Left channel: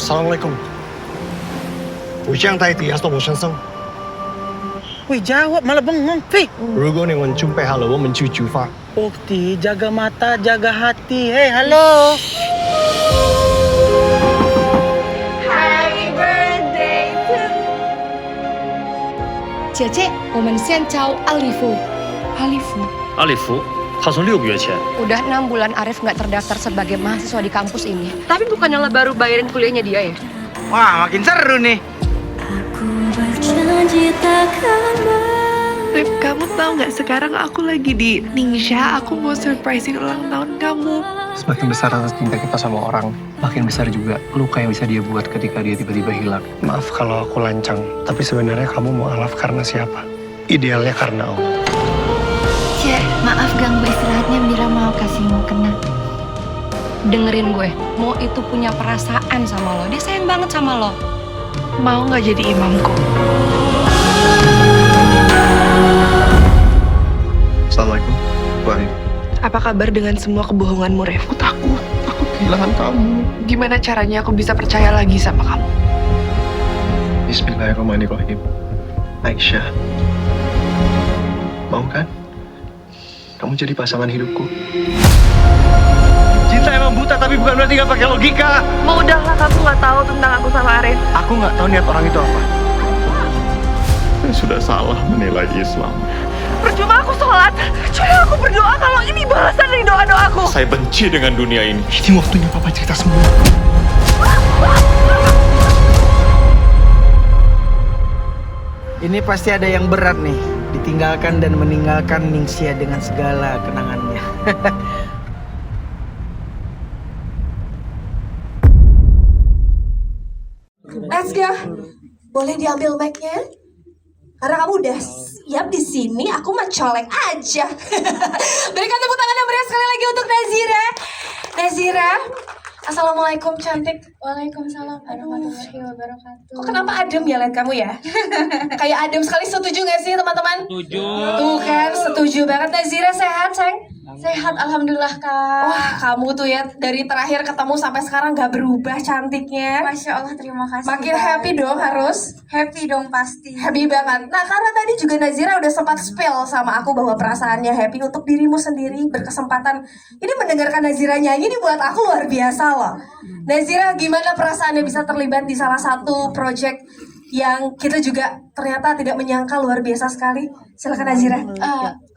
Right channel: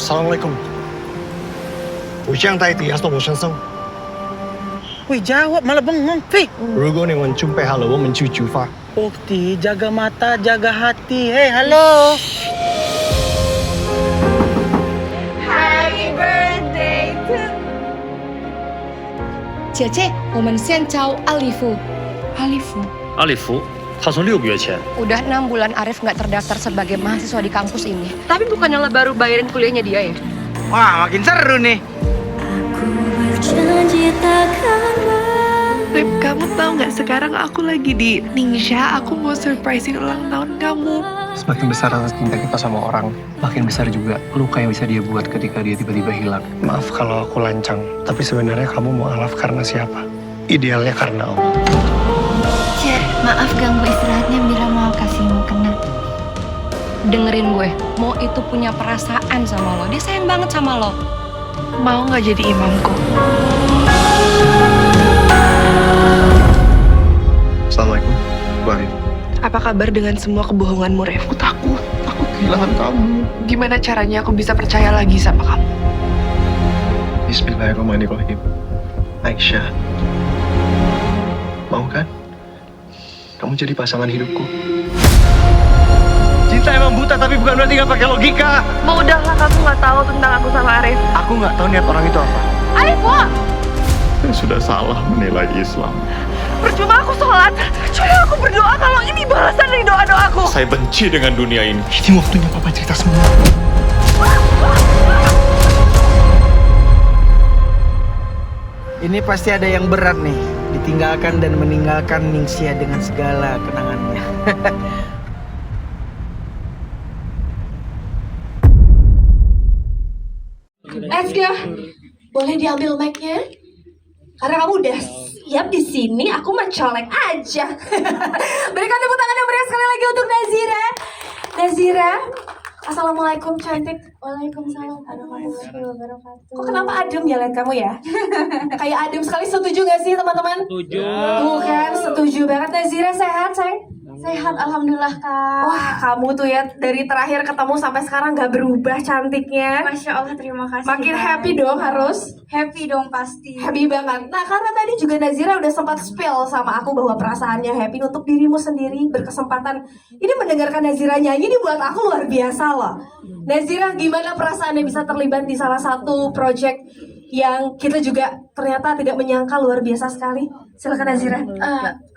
Assalamualaikum. 我这样代替阿索我先生。 Wih, jawab malah bengong. Fi. 如果你们准备好了，我们就出发。 Ukti, jaga mata, jaga hati. Hei, halo. Happy birthday to 姐姐，我们先找阿里夫。阿里夫，他从6个月前 Udah 6 bulan Arif nggak terdaftar sebagai mahasiswa di kampus ini. Tapi bukannya lo baru bayarin kuliahnya dia ya? Wah, makin seru nih. Rip, kamu tahu nggak sekarang aku lagi di Ningxia, aku mau surprisein ulang tahun kamu. Semakin besar rasa cinta kita sama orang, makin besar juga luka yang bisa dia buat ketika dia tiba-tiba hilang. Maaf kalau aku lancang, tapi sebenarnya kamu mau alaf karena siapa? Idealnya karena Allah. Cek, maaf ganggu istirahatnya, Mira mau kasih mukena. Dengerin gue, Mo itu punya perasaan sama lo, dia sayang banget sama lo. Mau nggak jadi imamku? Assalamualaikum, Bu Arif. Apa kabar dengan semua kebohonganmu, Rev? Aku takut kehilangan kamu. Gimana caranya aku bisa percaya lagi sama kamu? Bismillahirrahmanirrahim. Aisyah, mau kan? Kamu jadi pasangan hidupku. Cinta emang buta, tapi bukan berarti gak pakai logika. Mau udahlah, kamu nggak tahu tentang aku sama Arif. Aku nggak tahu niat orang itu apa. Saya sudah salah menilai Islam. Percuma aku sholat, cuma aku berdoa kalau ini balasan dari doa-doaku. Saya benci dengan dunia ini. Ini waktunya papa cerita semua. Ini pasti ada yang berat nih. Ditinggalkan dan meninggalkan Ningxia dengan segala kenangannya. Let's go. Boleh diambil mic-nya? Karena kamu udah siap di sini, aku mah colek aja. Berikan tepuk tangan yang meriah sekali lagi untuk Nazira. Nazira, assalamualaikum cantik. Waalaikumsalam warahmatullahi wabarakatuh. Kok kenapa adem ya lihat kamu ya? Kayak adem sekali, setuju gak sih teman-teman? Setuju. Tuh kan, setuju banget. Nazira sehat, sayang? Sehat, alhamdulillah kak. Wah, kamu tuh ya dari terakhir ketemu sampai sekarang gak berubah cantiknya. Masya Allah, terima kasih. Makin Kak. happy dong harus. Happy dong pasti. Happy banget. Nah, karena tadi juga Nazira udah sempat spill sama aku bahwa perasaannya happy untuk dirimu sendiri. Berkesempatan ini mendengarkan Nazira nyanyi ini buat aku luar biasa loh. Nazira, gimana perasaannya bisa terlibat di salah satu project yang kita juga ternyata tidak menyangka luar biasa sekali. Silakan Nazira.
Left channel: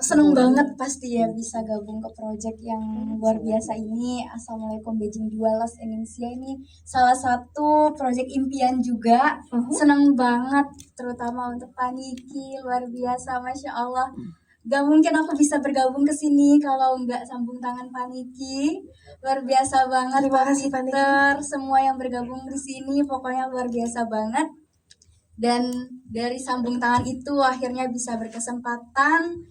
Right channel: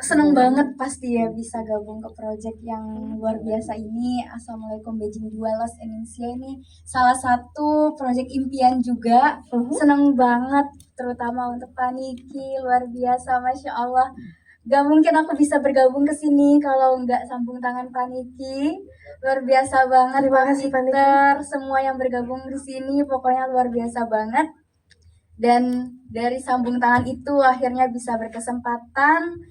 Seneng banget pasti ya bisa gabung ke project yang luar biasa ini. Assalamualaikum Beijing 2 Los Indonesia ini salah satu project impian juga. Seneng banget terutama untuk Paniki, luar biasa, Masya Allah. Gak mungkin aku bisa bergabung ke sini kalau nggak sambung tangan Paniki. Luar biasa banget. Terima kasih, Paniki. Semua yang bergabung di sini pokoknya luar biasa banget. Dan dari sambung tangan itu akhirnya bisa berkesempatan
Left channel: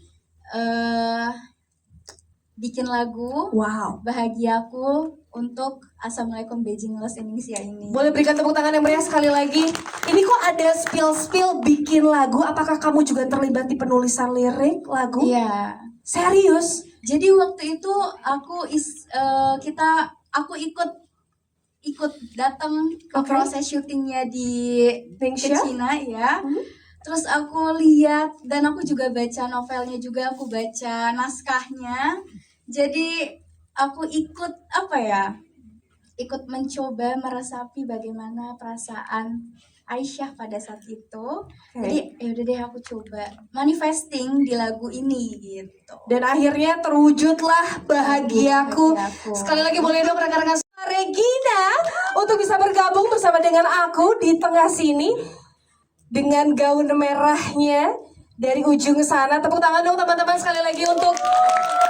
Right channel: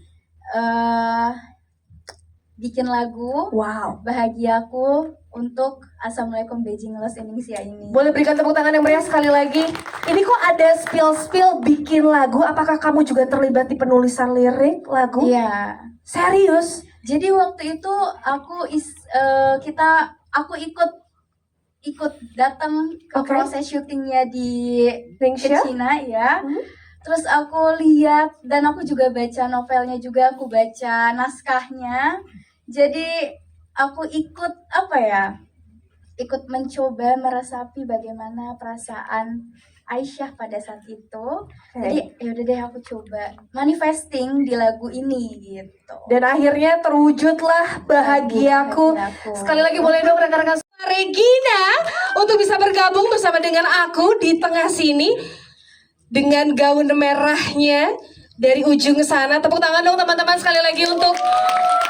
bikin lagu Wow. Bahagiaku untuk Assalamualaikum Beijing Los Indonesia ini. Boleh berikan tepuk tangan yang meriah sekali lagi. Ini kok ada spill bikin lagu? Apakah kamu juga terlibat di penulisan lirik lagu? Iya. Serius? Jadi waktu itu aku ikut datang ke Oke. proses syutingnya di Ningxia? Cina ya. Terus aku lihat dan aku juga baca novelnya juga, aku baca naskahnya. Jadi aku ikut ikut mencoba meresapi bagaimana perasaan Aisyah pada saat itu. Jadi yaudah deh aku coba manifesting di lagu ini gitu. Dan akhirnya terwujudlah bahagiaku. Bahagiaku. Sekali lagi boleh dong rekan-rekan Regina untuk bisa bergabung bersama dengan aku di tengah sini dengan gaun merahnya dari ujung sana. Tepuk tangan dong teman-teman sekali lagi untuk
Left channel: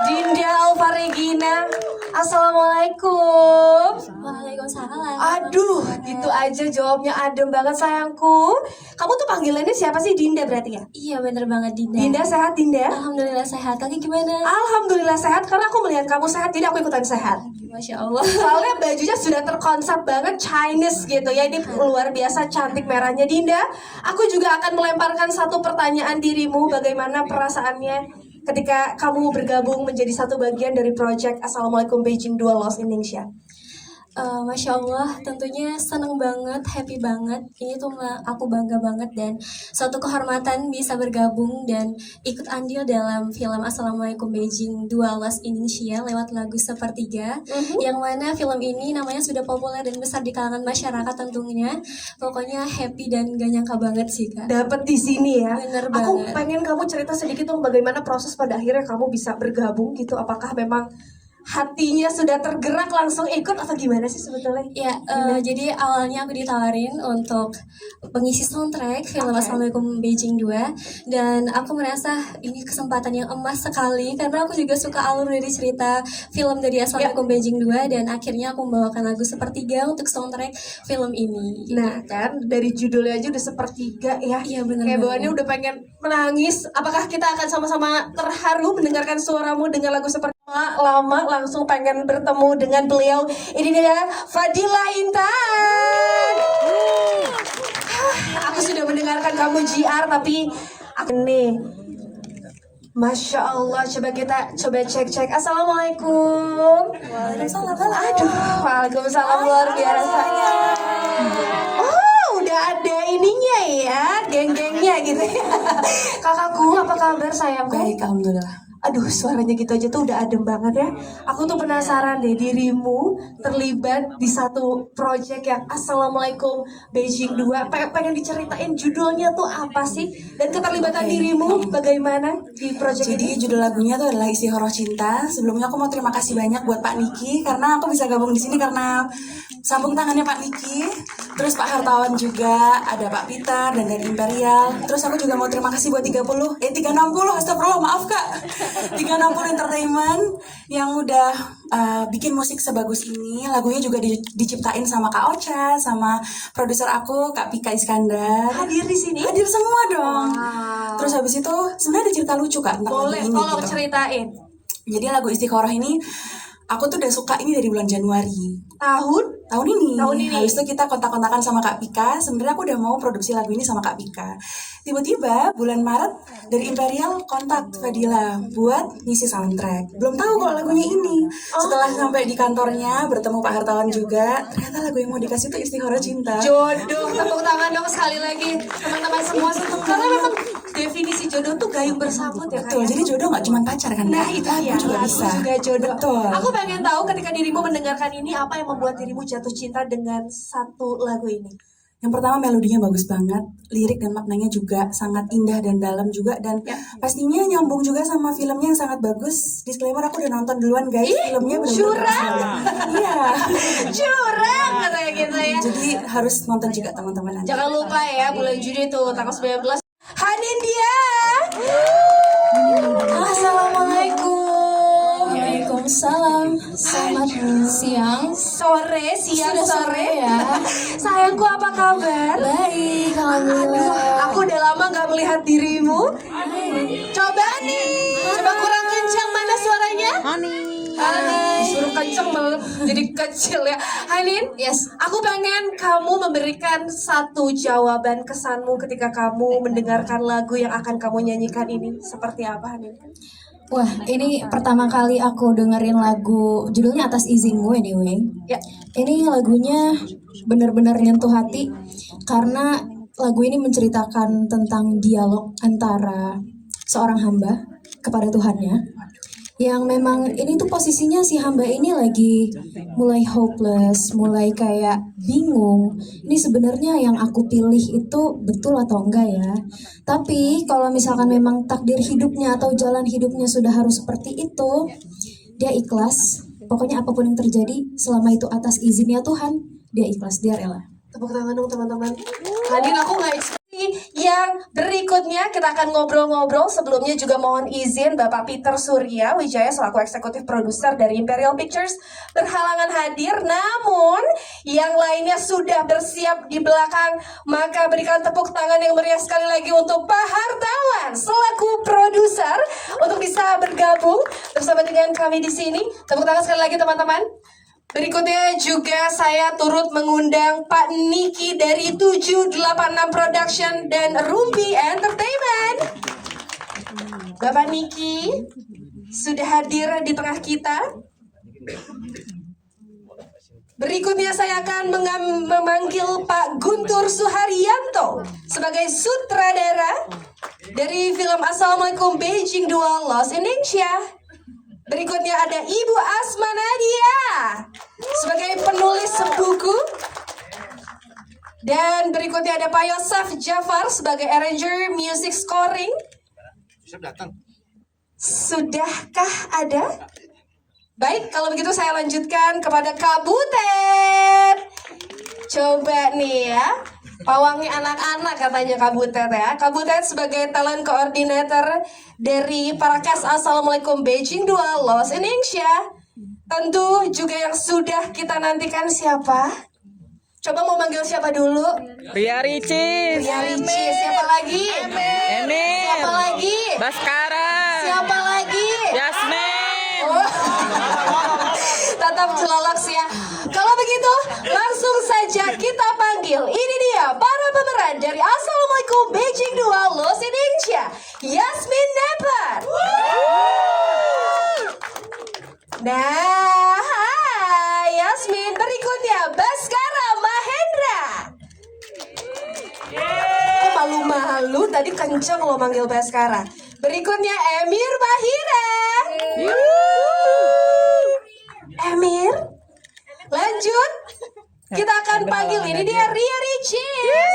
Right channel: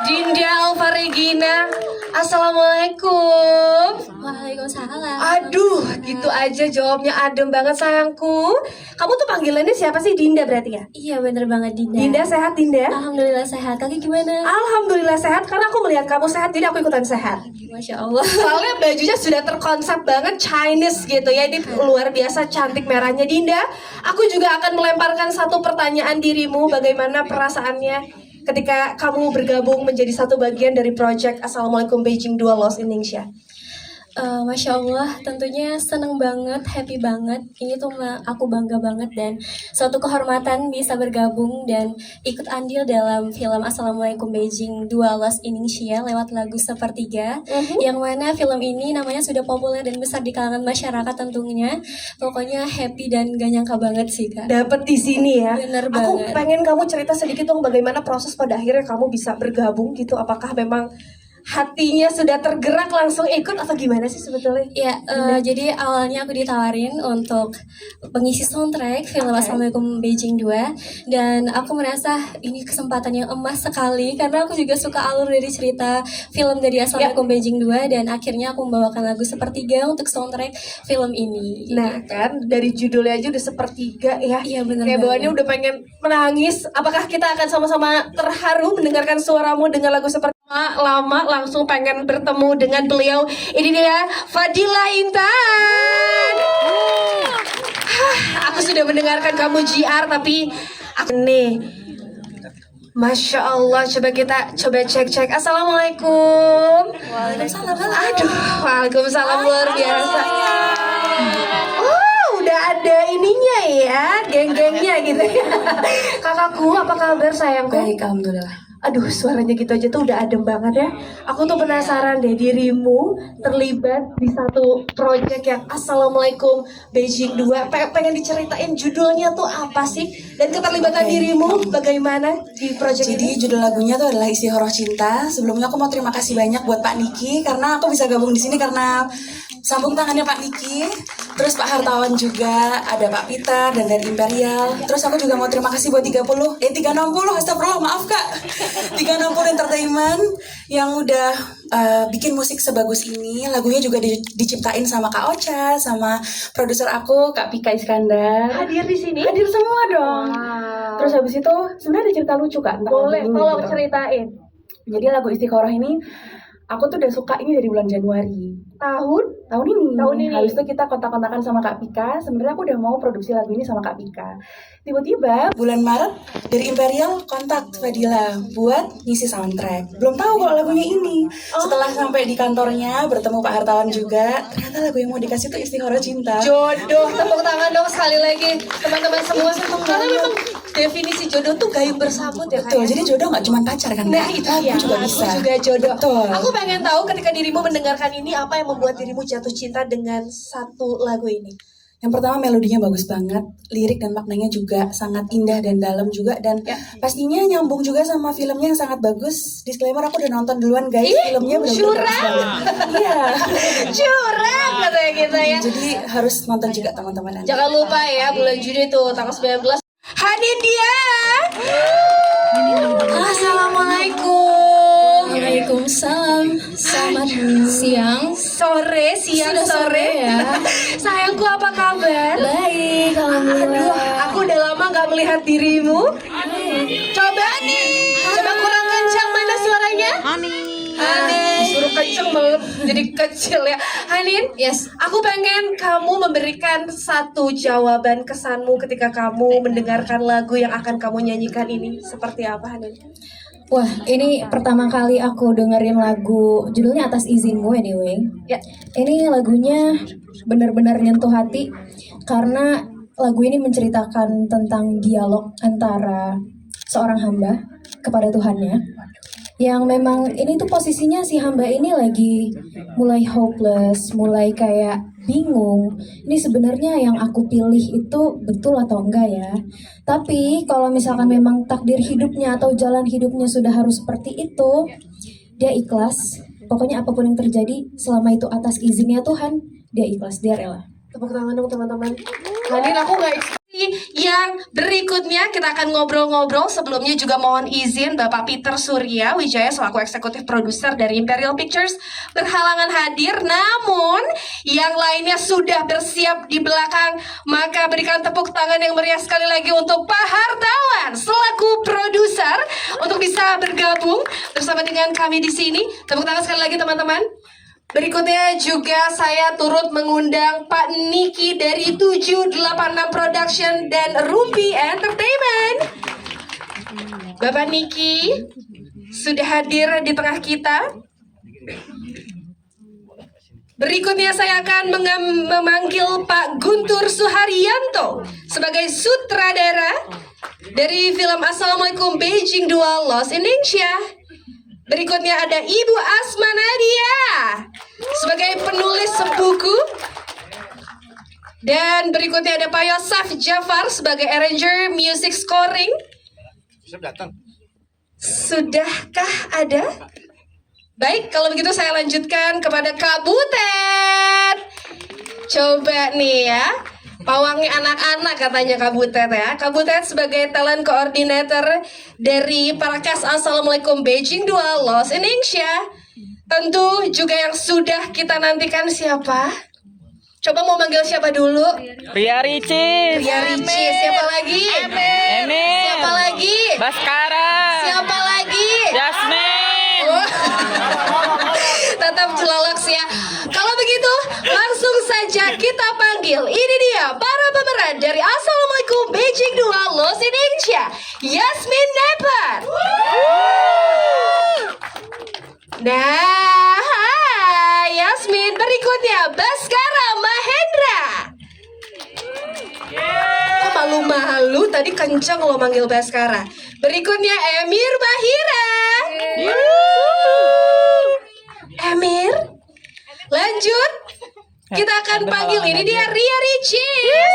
Dinda Alfa Regina. Assalamualaikum. Waalaikumsalam. Aduh, gitu aja jawabnya adem banget sayangku. Kamu tuh panggilannya siapa sih? Dinda berarti ya? Iya bener banget Dinda. Dinda sehat Dinda? Alhamdulillah sehat. Kaki gimana? Alhamdulillah sehat karena aku melihat kamu sehat jadi aku ikutan sehat. Masya Allah. Soalnya bajunya sudah terkonsep banget Chinese gitu ya. Ini luar biasa cantik merahnya Dinda. Aku juga akan melemparkan satu pertanyaan dirimu. Bagaimana perasaannya ketika kamu bergabung menjadi satu bagian dari project Assalamualaikum Beijing 2 Los Indonesia? Masya Allah, tentunya seneng banget, happy banget. Ini tuh aku bangga banget dan suatu kehormatan bisa bergabung dan ikut andil dalam film Assalamualaikum Beijing 2 Lost in Indonesia lewat lagu Sepertiga. Yang mana film ini namanya sudah populer dan besar di kalangan masyarakat tentunya. Pokoknya happy dan gak nyangka banget sih Kak. Dapat di sini ya. Bener Aku banget. pengen kamu cerita sedikit dong bagaimana proses pada akhirnya kamu bisa bergabung gitu. Apakah memang hatinya sudah tergerak langsung ikut atau gimana sih sebetulnya? Ya, jadi awalnya aku ditawarin untuk pengisi soundtrack film Assalamualaikum Beijing 2 dan aku merasa ini kesempatan yang emas sekali karena aku juga suka alur dari cerita film dari Assalamualaikum Beijing 2 dan akhirnya aku membawakan lagu Sepertiga untuk soundtrack film ini. Nah kan dari judulnya aja udah sepertiga ya. Iya benar Kayak banget. bawaannya udah pengen menangis. Apakah kita akan sama-sama terharu mendengarkan suaramu dengan lagu seperti lama langsung pengen bertemu dengan beliau. Ini dia Fadila Intan. Aku sudah mendengarkan kamu JR tapi aku nih. Masya Allah, coba kita cek. Assalamualaikum. Waalaikumsalam. Aduh, waalaikumsalam luar biasa. Oh, udah ada ininya ya, geng-gengnya gitu ya. Kakakku, apa kabar sayangku? Baik, alhamdulillah. Aduh, suaranya gitu aja tuh udah adem banget ya. Aku tuh penasaran deh dirimu terlibat di satu proyek yang Assalamualaikum Beijing 2. Pengen diceritain judulnya tuh apa sih? Dan keterlibatan dirimu bagaimana di proyek Jadi ini? judul lagunya tuh adalah Istiqoroh Cinta. Sebelumnya aku mau terima kasih banyak buat Pak Niki karena aku bisa gabung di sini karena sambung tangannya Pak Niki. Terus Pak Hartawan juga, ada Pak Peter dan dari Imperial. Terus aku juga mau terima kasih buat 360, astagfirullah, maaf Kak. 360 Entertainment yang udah bikin musik sebagus ini. Lagunya juga diciptain sama Kak Ocha, sama produser aku Kak Pika Iskandar. Hadir di sini? Hadir semua dong. Terus habis itu sebenarnya ada cerita lucu Kak tentang Boleh, lagu ini. tolong gitu. ceritain. Jadi lagu Istiqoroh ini aku tuh udah suka ini dari bulan Januari Tahun ini. Tahun ini. Habis itu kita kontak-kontakan sama Kak Pika. Sebenarnya aku udah mau produksi lagu ini sama Kak Pika. Tiba-tiba bulan Maret dari Imperial kontak Fadila buat ngisi soundtrack. Belum tahu kalau lagunya ini. Setelah sampai di kantornya bertemu Pak Hartawan juga, ternyata lagu yang mau dikasih tuh Istiqoroh Cinta. jodoh. Tepuk tangan dong sekali lagi teman-teman semua. Karena memang definisi jodoh tuh gayung bersambut ya kan? Betul, jadi jodoh nggak cuma pacar kan? Nah Kak? itu Lagu ya, juga lagu bisa. juga jodoh. Betul. Aku pengen tahu ketika dirimu mendengarkan ini apa yang membuat dirimu jatuh cinta dengan satu lagu ini. Yang pertama melodinya bagus banget, lirik dan maknanya juga sangat indah dan dalam juga dan pastinya nyambung juga sama filmnya yang sangat bagus. Disclaimer aku udah nonton duluan guys, filmnya benar-benar bagus banget. Iya. Curang katanya kita ya. Jadi harus nonton juga teman-teman nanti. Jangan lupa ya bulan Juni tuh tanggal 19. Hadir dia. Assalamualaikum. Waalaikumsalam. Selamat siang. Sore, siang, Sudah sore ya. Sayangku apa kabar? Baik, alhamdulillah. Aduh, aku udah lama gak melihat dirimu. Coba nih, coba kurang kencang mana suaranya? Hanin, suruh kencang malah jadi kecil ya. Hanin, Yes. aku pengen kamu memberikan satu jawaban kesanmu ketika kamu mendengarkan lagu yang akan kamu nyanyikan ini. Seperti apa, Hanin? Wah, ini pertama kali aku dengerin lagu judulnya Atas Izinku anyway. Ya. Ini lagunya benar-benar nyentuh hati karena lagu ini menceritakan tentang dialog antara seorang hamba kepada Tuhannya. Yang memang ini tuh posisinya si hamba ini lagi mulai hopeless, mulai kayak bingung. Ini sebenarnya yang aku pilih itu betul atau enggak ya? Tapi kalau misalkan memang takdir hidupnya atau jalan hidupnya sudah harus seperti itu, dia ikhlas. Pokoknya apapun yang terjadi, selama itu atas izinnya Tuhan, dia ikhlas, dia rela. Tepuk tangan dong teman-teman. Hanin, aku nggak expect. Yang berikutnya kita akan ngobrol-ngobrol. Sebelumnya juga mohon izin Bapak Peter Surya Wijaya selaku eksekutif produser dari Imperial Pictures berhalangan hadir. Namun yang lainnya sudah bersiap di belakang. Maka berikan tepuk tangan yang meriah sekali lagi untuk Pak Hartawan selaku produser untuk bisa bergabung bersama dengan kami di sini. Tepuk tangan sekali lagi teman-teman. Berikutnya juga saya turut mengundang Pak Niki dari 786 Production dan Rumpi Entertainment. Bapak Niki sudah hadir di tengah kita. Berikutnya saya akan memanggil Pak Guntur Suharyanto sebagai sutradara dari film Assalamualaikum Beijing 2 Lost in Ningxia. Berikutnya ada Ibu Asma Nadia sebagai penulis buku. Dan berikutnya ada Pak Yosef Jafar sebagai arranger music scoring. Sudahkah ada? Baik, kalau begitu saya lanjutkan kepada Kak Butet. Coba nih ya, pawangnya anak-anak katanya Kak Butet ya. Kak Butet sebagai talent coordinator dari Parakas Assalamualaikum Beijing 2 Lost in Ningxia. Tentu juga yang sudah kita nantikan siapa? Coba mau manggil siapa dulu? Ria Ricis, Ria Ricis, siapa lagi? Emil, Siapa lagi? Baskara, Siapa lagi? Yasmin. Oh. Tetap Lolox ya. Kalau begitu, langsung saja kita panggil. Ini dia para pemeran dari Assalamualaikum Beijing 2 Lost in Ningxia, Yasmin Nepal. Nah, hai Yasmin. Berikutnya Baskara Mahendra. Kok malu-malu? Tadi kenceng lo manggil Baskara. Berikutnya Emir Mahira. Emir. Lanjut. Kita akan panggil ini dia Ria Ricis.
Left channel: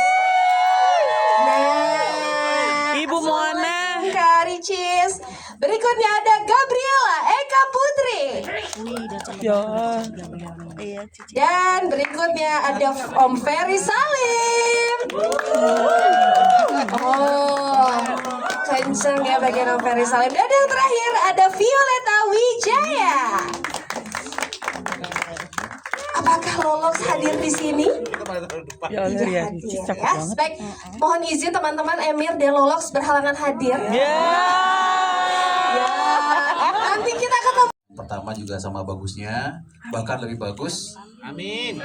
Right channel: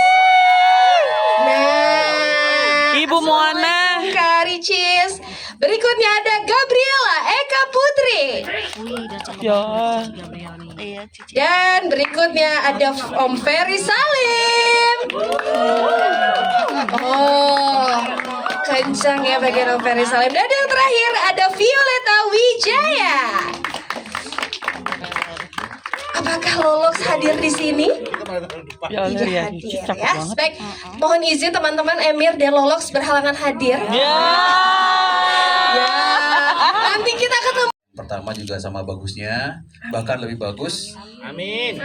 Nah, Ibu Moana. Kak Ricis. Berikutnya ada Gabriela Eka Putri. Ya. Dan berikutnya ada Om Ferry Salim. Oh, kencang ya bagian Om Ferry Salim. Dan yang terakhir ada Violeta Wijaya. Apakah Lolox hadir di sini? Ya, Tidak Ria hadir Ricis cakep ya. banget. Baik, mohon izin teman-teman Emir dan Lolox berhalangan hadir. Ya. Ya. Nanti kita ketemu. Pertama juga sama bagusnya, bahkan lebih bagus. Amin.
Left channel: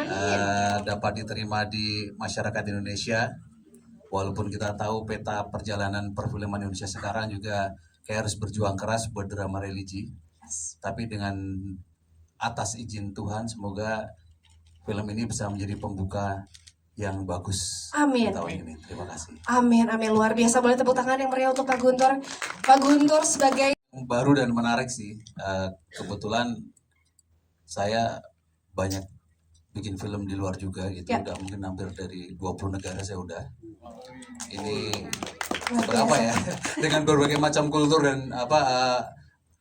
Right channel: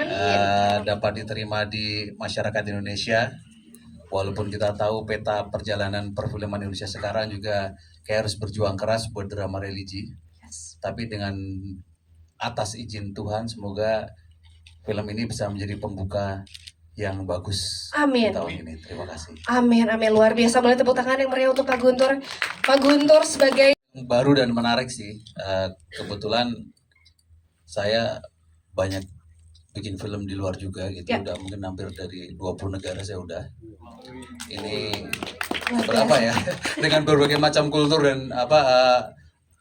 Dapat diterima di masyarakat Indonesia. Walaupun kita tahu peta perjalanan perfilman Indonesia sekarang juga kayak harus berjuang keras buat drama religi. Tapi dengan atas izin Tuhan, semoga film ini bisa menjadi pembuka yang bagus Amin. di tahun ini. Terima kasih. Amin, amin. Luar biasa. Boleh tepuk tangan yang meriah untuk Pak Guntur. Pak Guntur sebagai Baru dan menarik sih. Kebetulan saya banyak bikin film di luar juga gitu. Ya. Udah mungkin hampir dari 20 negara saya udah. Ini luar biasa. apa ya? Dengan berbagai macam kultur dan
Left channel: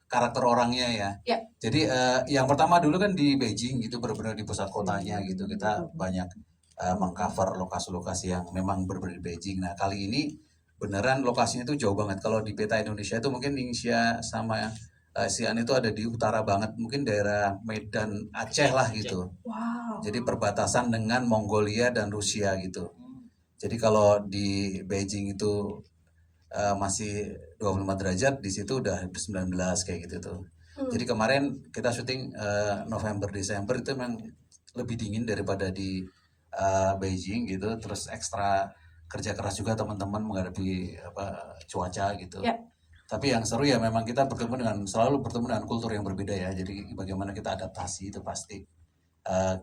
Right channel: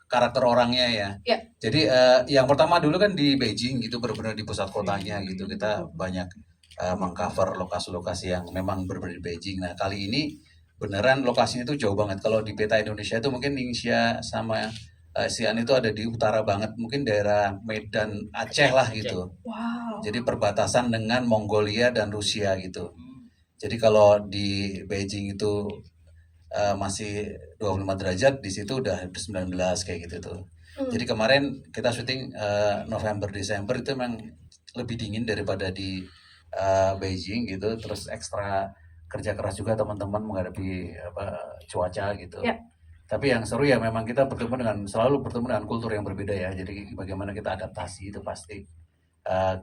karakter orangnya ya. Ya. Jadi yang pertama dulu kan di Beijing gitu, benar-benar di pusat kotanya gitu. Kita banyak mengcover lokasi-lokasi yang memang benar-benar di Beijing. Nah, kali ini beneran lokasinya itu jauh banget. Kalau di peta Indonesia itu mungkin Ningxia sama Xi'an itu ada di utara banget, mungkin daerah Medan Aceh lah gitu. Wow. Jadi perbatasan dengan Mongolia dan Rusia gitu. Jadi kalau di Beijing itu masih 25 derajat, di situ udah 19 kayak gitu tuh. Jadi kemarin kita syuting November Desember itu memang lebih dingin daripada di Beijing gitu. Terus ekstra kerja keras juga teman-teman menghadapi cuaca gitu. Ya. Tapi yang seru ya memang kita selalu bertemu dengan kultur yang berbeda ya. Jadi bagaimana kita adaptasi itu pasti.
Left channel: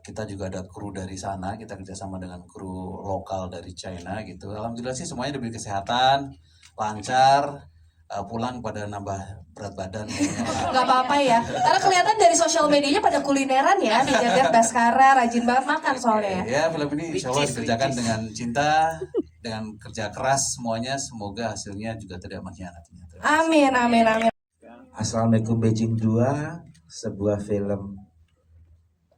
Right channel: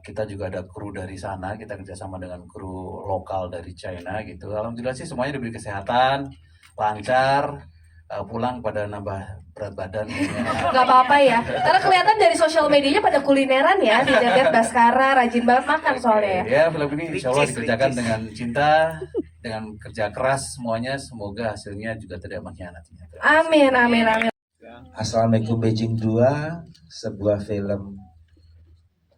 Kita juga ada kru dari sana, kita kerjasama dengan kru lokal dari China gitu. Alhamdulillah sih semuanya diberi kesehatan, lancar, pulang pada nambah berat badan. Gak apa-apa ya. Karena kelihatan dari sosial medianya pada kulineran ya. Lihat Baskara rajin banget makan soalnya ya. Ya film ini insya Allah dikerjakan dengan cinta, dengan kerja keras semuanya. Semoga hasilnya juga tidak mengkhianati. Amin, amin, amin. Assalamualaikum Beijing 2, sebuah film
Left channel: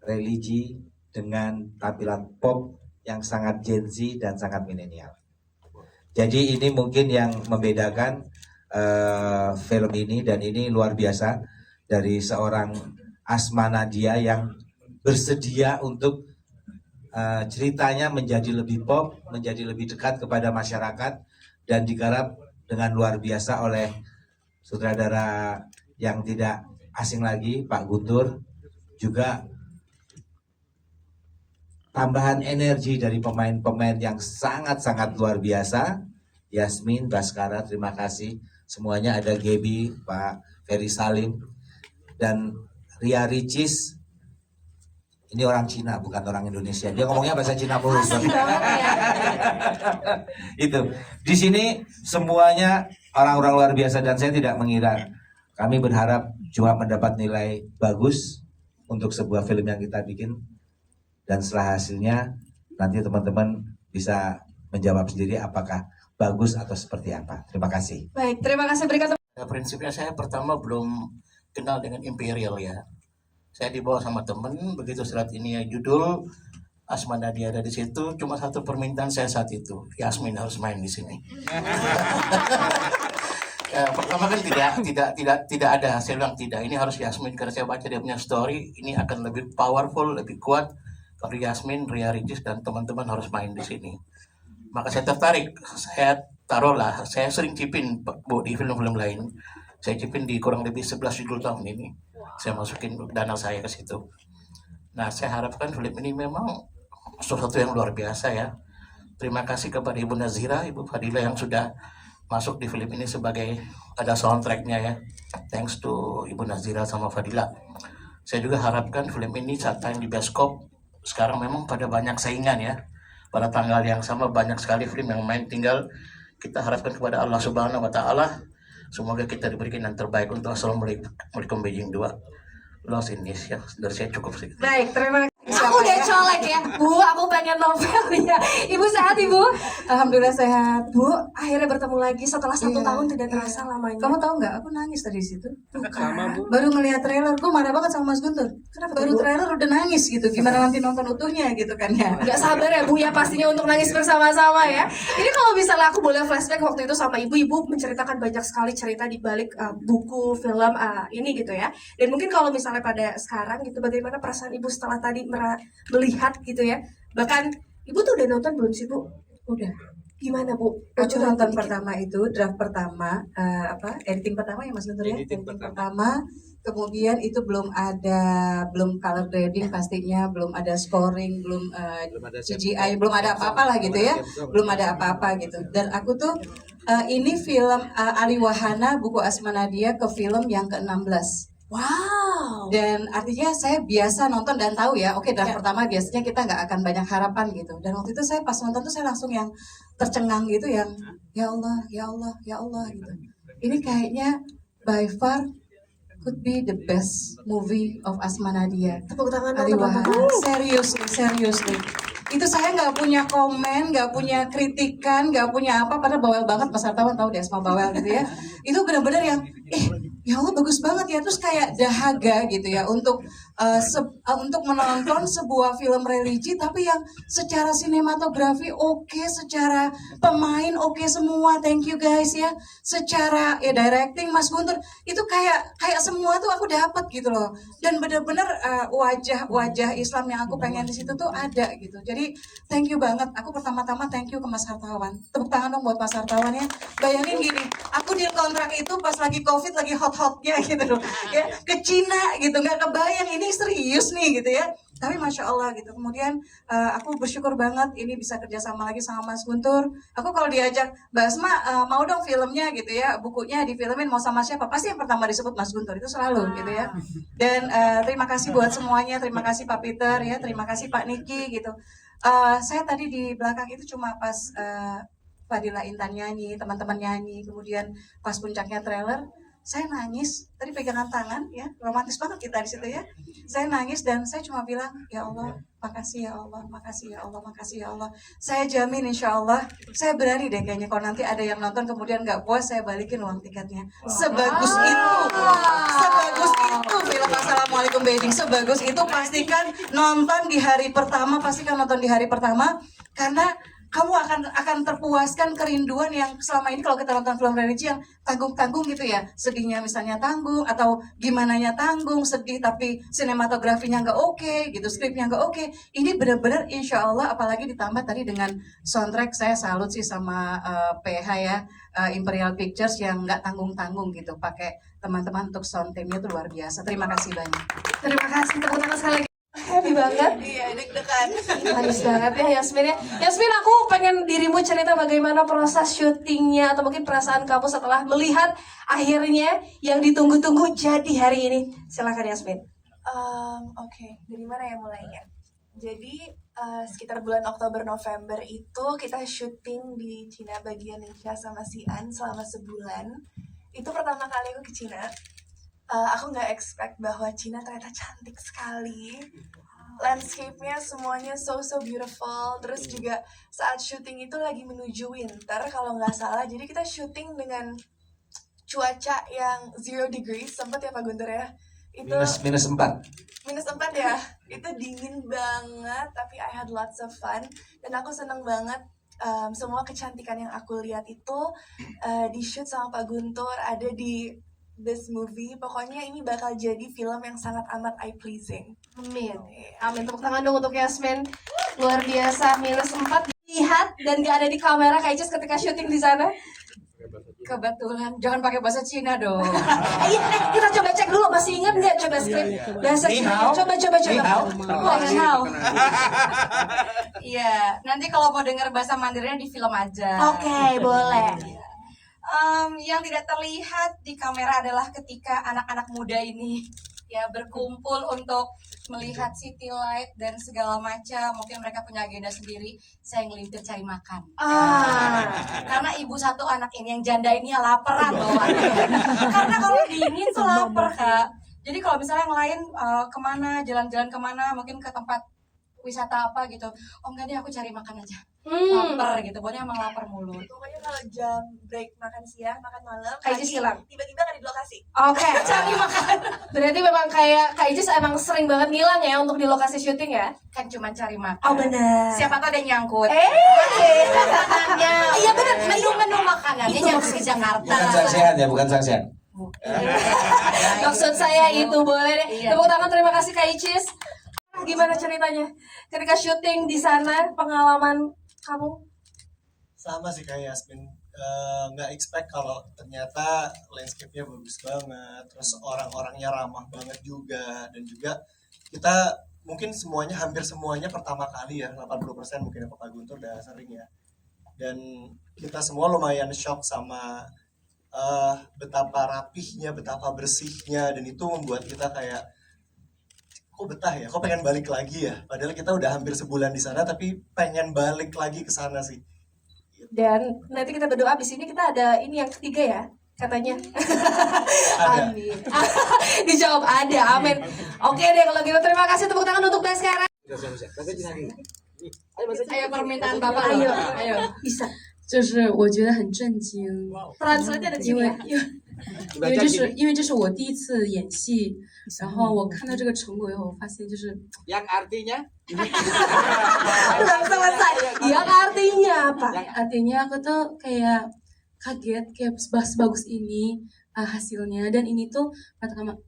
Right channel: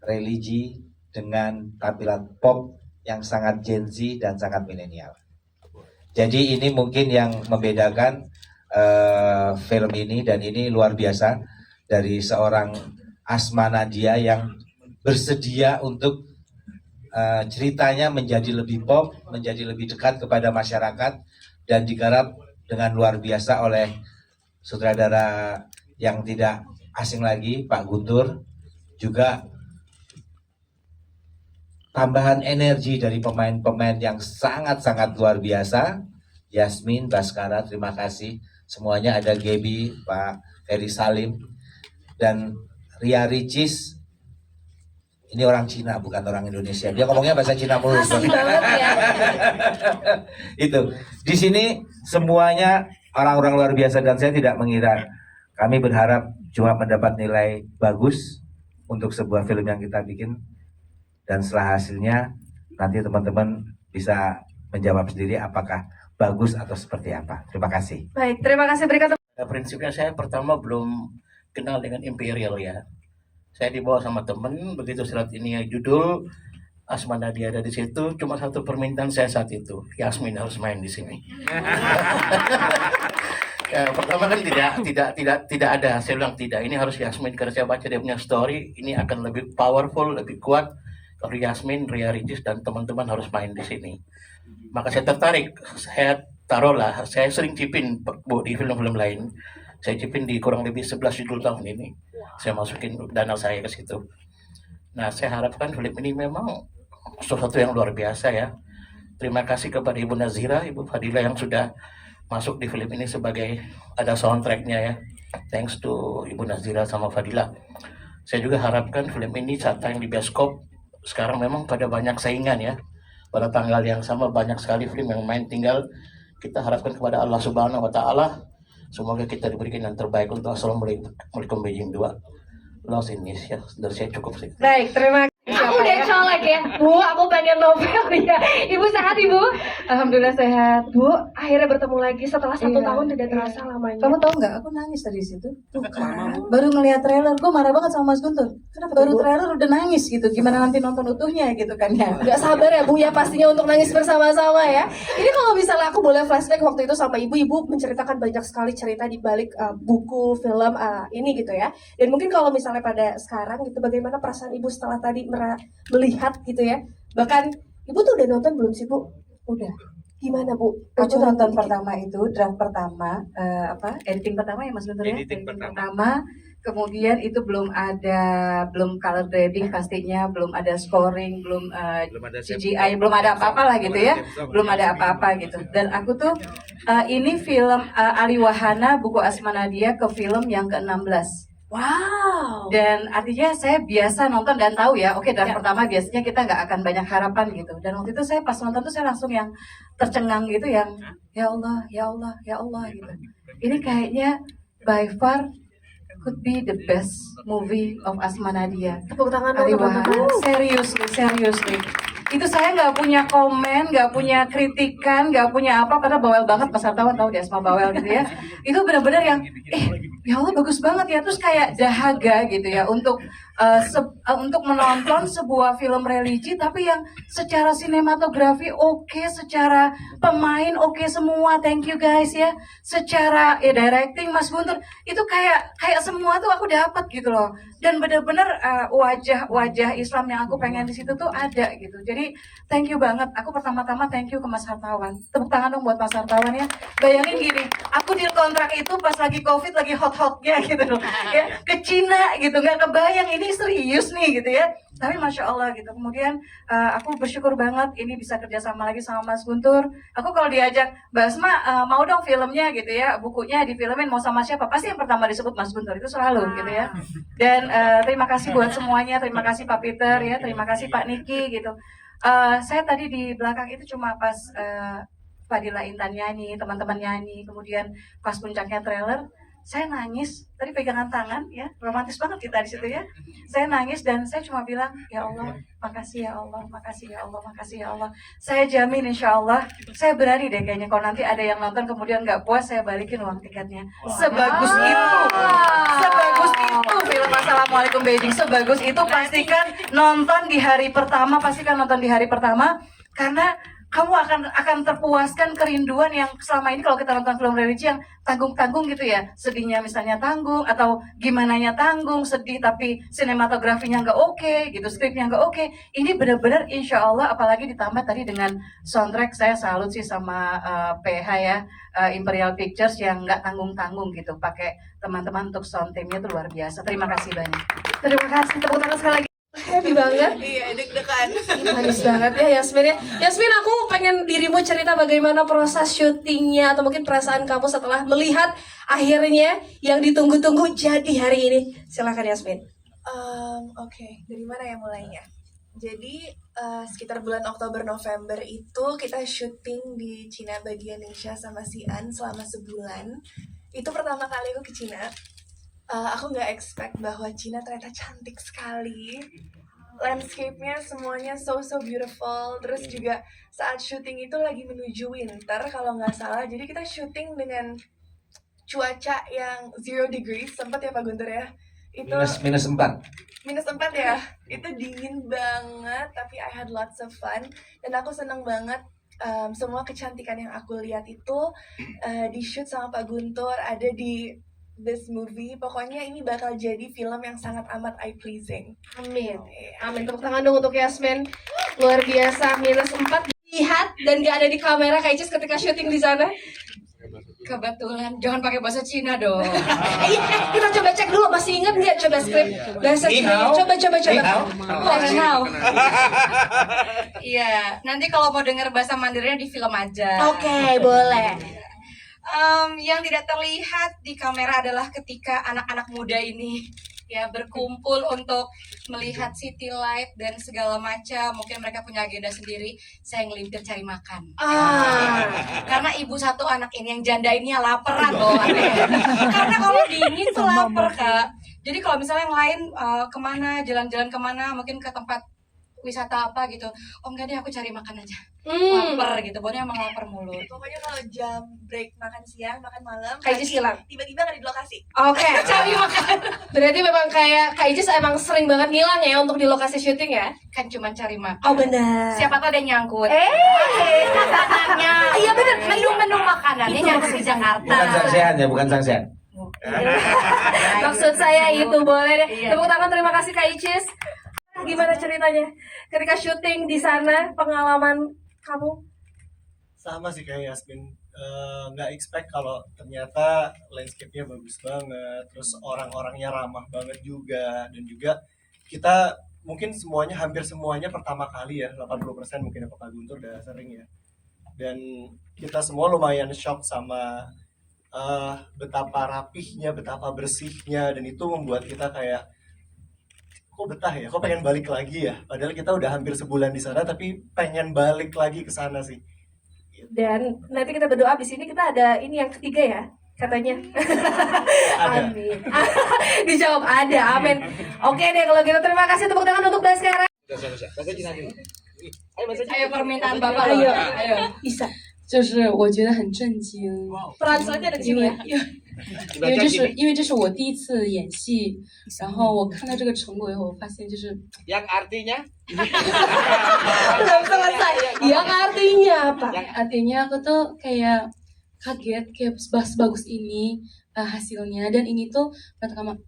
religi dengan tampilan pop yang sangat Gen Z dan sangat milenial. Jadi ini mungkin yang membedakan film ini, dan ini luar biasa dari seorang Asma Nadia yang bersedia untuk ceritanya menjadi lebih pop, menjadi lebih dekat kepada masyarakat, dan digarap dengan luar biasa oleh sutradara yang tidak asing lagi, Pak Guntur. Juga tambahan energi dari pemain-pemain yang sangat-sangat luar biasa. Yasmin, Baskara, terima kasih. Semuanya ada Gaby, Pak Ferry Salim, dan Ria Ricis. Ini orang Cina, bukan orang Indonesia. Dia ngomongnya bahasa Cina mulu. Asik banget ya. Itu. Di sini semuanya orang-orang luar biasa dan saya tidak mengira. Kami berharap cuma mendapat nilai bagus untuk sebuah film yang kita bikin, dan setelah hasilnya nanti teman-teman bisa menjawab sendiri apakah bagus atau seperti apa. Terima kasih. Baik, terima kasih berikan. Prinsipnya saya pertama belum kenal dengan Imperial ya. Saya dibawa sama temen, begitu serat ini ya judul Asma Nadia ada di situ, cuma satu permintaan saya saat itu, Yasmin harus main di sini. Ya, pertama kan tidak ada, saya bilang tidak, ini harus Yasmin karena saya baca dia punya story, ini akan lebih powerful, lebih kuat kalau Yasmin, Ria Ricis dan teman-teman harus main di sini. Maka saya tertarik, saya taruhlah, saya sering cipin Bu di film-film lain. Saya cipin di kurang lebih 11 judul tahun ini. Saya masukin dana saya ke situ. Nah, saya harapkan film ini memang sesuatu yang luar biasa ya. Terima kasih kepada Ibu Nazira, Ibu Fadila yang sudah masuk di film ini sebagai ada soundtracknya ya. Thanks to Ibu Nazira sama Fadila. Saya juga harapkan film ini saat tayang di bioskop, sekarang memang pada banyak saingan ya. Pada tanggal yang sama banyak sekali film yang main, tinggal kita harapkan kepada Allah Subhanahu wa Ta'ala. Semoga kita diberikan yang terbaik untuk Assalamualaikum Beijing 2. Lost in this ya, dari saya cukup sih. Baik, terima kasih. Aku udah colek ya, Bu. Aku pengen novel ya. Ibu sehat, Ibu? Alhamdulillah sehat. Bu, akhirnya bertemu lagi setelah 1 tahun tidak terasa lamanya. Kamu tahu nggak? Aku nangis tadi situ. Baru ngelihat trailer, gue marah banget sama Mas Guntur. Kenapa Baru tuh, Bu? trailer udah nangis gitu. Gimana nanti nonton utuhnya gitu kan ya? Gak sabar ya Bu ya pastinya untuk nangis bersama-sama ya. Ini kalau misalnya aku boleh flashback waktu itu sama ibu menceritakan banyak sekali cerita di balik buku, film ini gitu ya. Dan mungkin kalau misalnya pada sekarang gitu, bagaimana perasaan ibu setelah tadi melihat gitu ya. Bahkan ibu tuh udah nonton belum sih Bu? Udah. Gimana Bu? Aku Bocoran nonton dikit. pertama itu, draft pertama, editing pertama ya Mas Guntur ya? Editing pertama. Kemudian itu belum color grading pastinya, belum ada scoring, belum CGI, belum ada apa-apa lah gitu ya, belum ada apa-apa gitu. Dan aku tuh ini film Ali Wahana, buku Asma Nadia ke film yang ke-16. Wow. Dan artinya saya biasa nonton dan tahu ya, oke draft pertama biasanya kita nggak akan banyak harapan gitu. Dan waktu itu saya pas nonton tuh saya langsung yang tercengang gitu, yang ya Allah, ya Allah, ya Allah gitu. Ini kayaknya by far could be the best movie of Asma Nadia. Tepuk tangan Ali untuk Wahana. Seriously. Itu saya nggak punya komen, nggak punya kritikan, nggak punya apa, karena bawel banget. Mas Hartawan tahu deh Asma bawel gitu ya. Itu benar-benar yang ya Allah bagus banget ya, terus kayak dahaga gitu ya untuk menonton sebuah film religi tapi yang secara sinematografi oke, secara pemain oke semua, thank you guys ya, secara ya directing Mas Guntur itu kayak semua tuh aku dapat gitu loh, dan benar-benar wajah Islam yang aku pengen di situ tuh ada gitu. Jadi thank you banget, aku pertama-tama thank you ke Mas Hartawan, tepuk tangan dong buat Mas Hartawan ya. Bayangin gini, aku di kontrak itu pas lagi COVID lagi hot-hotnya gitu loh ya, ke Cina gitu, nggak kebayang ini serius nih gitu ya, tapi Masya Allah gitu. Kemudian aku bersyukur banget ini bisa kerjasama lagi sama Mas Guntur. Aku kalau diajak Mbak Asma mau dong filmnya gitu ya, bukunya difilmin mau sama siapa, pasti yang pertama disebut Mas Guntur, itu selalu gitu ya. Dan terima kasih buat semuanya, terima kasih Pak Peter ya, terima kasih Pak Niki gitu. Saya tadi di belakang itu cuma pas Fadila Intan nyanyi, teman-teman nyanyi, kemudian pas puncaknya trailer saya nangis, tadi pegangan tangan ya, romantis banget kita di situ ya. Saya nangis dan saya cuma bilang, ya Allah, makasih ya Allah, makasih ya Allah, makasih ya Allah. Saya jamin insya Allah, saya berani deh kayaknya kalau nanti ada yang nonton kemudian nggak puas, saya balikin uang tiketnya. Sebagus itu film Assalamualaikum Beijing, sebagus itu pastikan nonton di hari pertama, karena kamu akan terpuaskan kerinduan yang selama ini kalau kita nonton film religi yang tanggung-tanggung gitu ya, sedihnya misalnya tanggung atau gimananya tanggung, sedih tapi sinematografinya nggak oke gitu, skripnya nggak oke. Ini benar-benar insya Allah, apalagi ditambah tadi dengan soundtrack, saya salut sih sama PH ya, Imperial Pictures yang nggak tanggung-tanggung gitu, pakai teman-teman untuk sound teamnya tuh luar biasa. Terima kasih banyak. Terima kasih, tepuk tangan sekali lagi. Happy banget. Iya, deg-degan. Manis banget ya Yasmin ya. Yasmin, aku pengen dirimu cerita bagaimana proses syutingnya atau mungkin perasaan kamu setelah melihat akhirnya yang ditunggu-tunggu jadi hari ini. Silakan Yasmin. Oke, dari mana ya mulainya? Jadi sekitar bulan Oktober November itu kita syuting di Cina bagian Ningxia sama Xi'an selama sebulan. Itu pertama kali aku ke Cina. Aku nggak expect bahwa Cina ternyata cantik sekali. Landscape-nya semuanya so beautiful. Terus juga saat syuting itu lagi menuju winter kalau nggak salah. Jadi kita syuting dengan cuaca yang 0 degrees, sempat ya Pak Guntur ya? Itu minus 4. minus 4 ya. Itu dingin banget, tapi I had lots of fun. Dan aku seneng banget semua kecantikan yang aku lihat itu di shoot sama Pak Guntur, ada di this movie. Pokoknya ini bakal jadi film yang sangat amat eye pleasing. Amin. Amin. Tepuk tangan dong untuk Yasmin. Luar biasa. minus 4 lihat dan gak ada di kamera Kak Icis ketika syuting di sana. Kebetulan, jangan pakai bahasa Cina dong. Iya, kita coba cek dulu, masih ingat nggak coba skrip bahasa Cina? Coba. Iya, nanti kalau mau dengar bahasa Mandarinnya di film aja. Oke, boleh. Yang tidak terlihat di kamera adalah ketika anak-anak muda ini ya berkumpul untuk melihat city light dan segala macam. Mungkin mereka punya agenda sendiri. Saya ngelintir cari makan. Karena ibu satu anak ini yang janda ini ya laparan loh. Karena kalau dingin tuh lapar Kak. Jadi kalau misalnya yang lain kemana, jalan-jalan kemana, mungkin ke tempat wisata apa gitu. Oh enggak deh, aku cari makan aja. Lapar gitu, pokoknya emang lapar mulu. Pokoknya kalau jam break makan siang, makan malam, Kak Icis hilang. tiba-tiba nggak di lokasi. Oke, cari makan. Berarti memang kayak Kak Icis emang sering banget ngilang ya untuk di lokasi syuting ya? Kan cuma cari makan. Oh benar. Siapa tuh ada yang nyangkut. Iya benar. Menu-menu makanannya nyangkut di Jakarta. Bukan Sangsean ya, bukan Sangsean. Maksud saya itu boleh deh. Tepuk tangan, terima kasih Kak Icis. Gimana ceritanya ketika syuting di sana, pengalaman kamu? Sama sih kayak Yasmin, nggak expect kalau ternyata landscape-nya bagus banget, terus orang-orangnya ramah banget juga, dan juga kita mungkin hampir semuanya pertama kali ya, 80% mungkin Pak Guntur udah sering ya, dan kita semua lumayan shock sama betapa rapihnya, betapa bersihnya, dan itu membuat kita kayak kok betah ya, kok pengen balik lagi ya, padahal kita udah hampir sebulan di sana tapi pengen balik lagi ke sana sih. Dan nanti kita berdoa di sini, kita ada ini yang ketiga ya katanya. Amin. Dijawab ada, amin. Oke deh kalau gitu, terima kasih, tepuk tangan untuk Baskara. Ayo permintaan Bapak. Ayo. Bisa. 就是我觉得很震惊， Translate 的经验。因为这是我第一次演戏，然后我看到这个成果以后，我发现就是 Yang artinya? Belum selesai. Yang artinya apa? Artinya aku tuh kayak kaget kayak sebagus ini hasilnya, dan ini tuh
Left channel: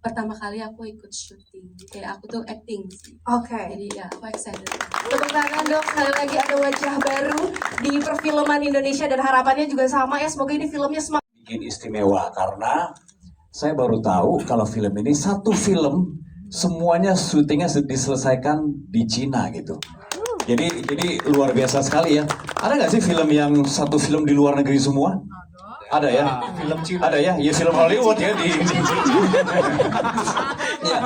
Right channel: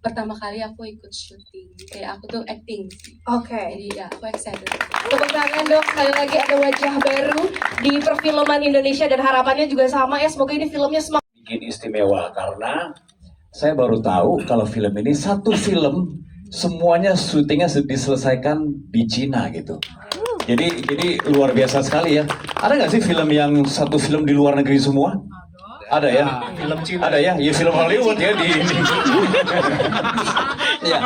pertama kali aku ikut syuting, kayak aku tuh acting sih. Oke. Jadi ya aku excited. Tepuk tangan dong, sekali lagi ada wajah baru di perfilman Indonesia dan harapannya juga sama ya, semoga ini filmnya semakin bikin istimewa karena saya baru tahu kalau film ini satu film semuanya syutingnya diselesaikan di Cina gitu. Jadi luar biasa sekali ya. Ada nggak sih film yang satu film di luar negeri semua? Ada ya? Film Cina. Ada ya? Ya film Hollywood ya di ya.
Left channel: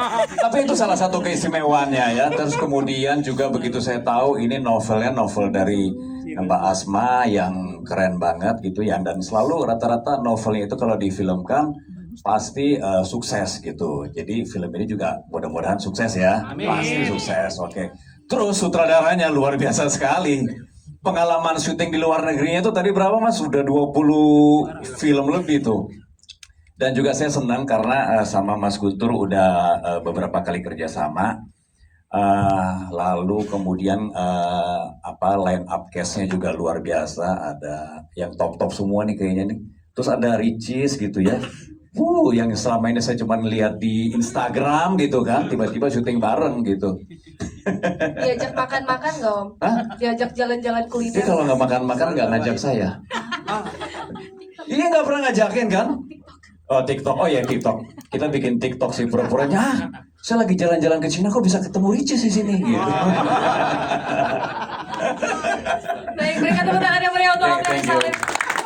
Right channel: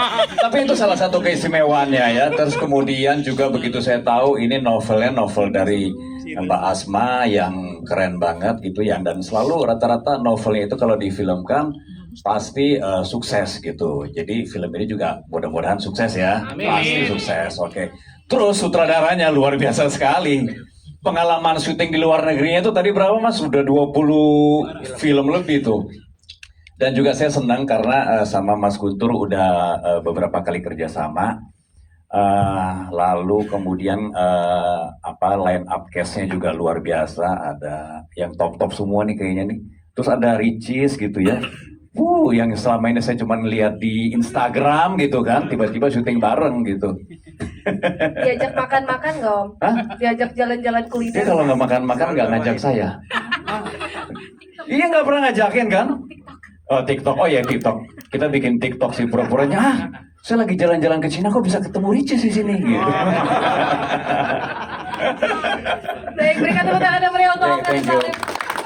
Tapi itu salah satu keistimewaannya ya. Terus kemudian juga begitu saya tahu ini novel dari Mbak Asma yang keren banget gitu ya. Dan selalu rata-rata novelnya itu kalau difilmkan pasti sukses gitu. Jadi film ini juga mudah-mudahan sukses ya. Pasti sukses. Oke. Terus sutradaranya luar biasa sekali. Pengalaman syuting di luar negerinya itu tadi berapa Mas? Sudah 20 film lebih tuh. Dan juga saya senang karena sama Mas Guntur udah beberapa kali kerjasama. Lalu kemudian line up cast-nya juga luar biasa. Ada yang top-top semua nih kayaknya nih. Terus ada Ricis gitu ya. Yang selama ini saya cuma lihat di Instagram gitu kan. Tiba-tiba syuting bareng gitu. diajak makan-makan nggak Om? Diajak jalan-jalan kuliner? Dia kalau nggak makan-makan nggak ngajak saya. Iya nggak pernah ngajakin kan? Oh TikTok, oh ya TikTok. Kita bikin TikTok sih pura-puranya. Saya lagi jalan-jalan ke Cina kok bisa ketemu Ricis di sini gitu. Baik, berikan tepuk tangan yang meriah untuk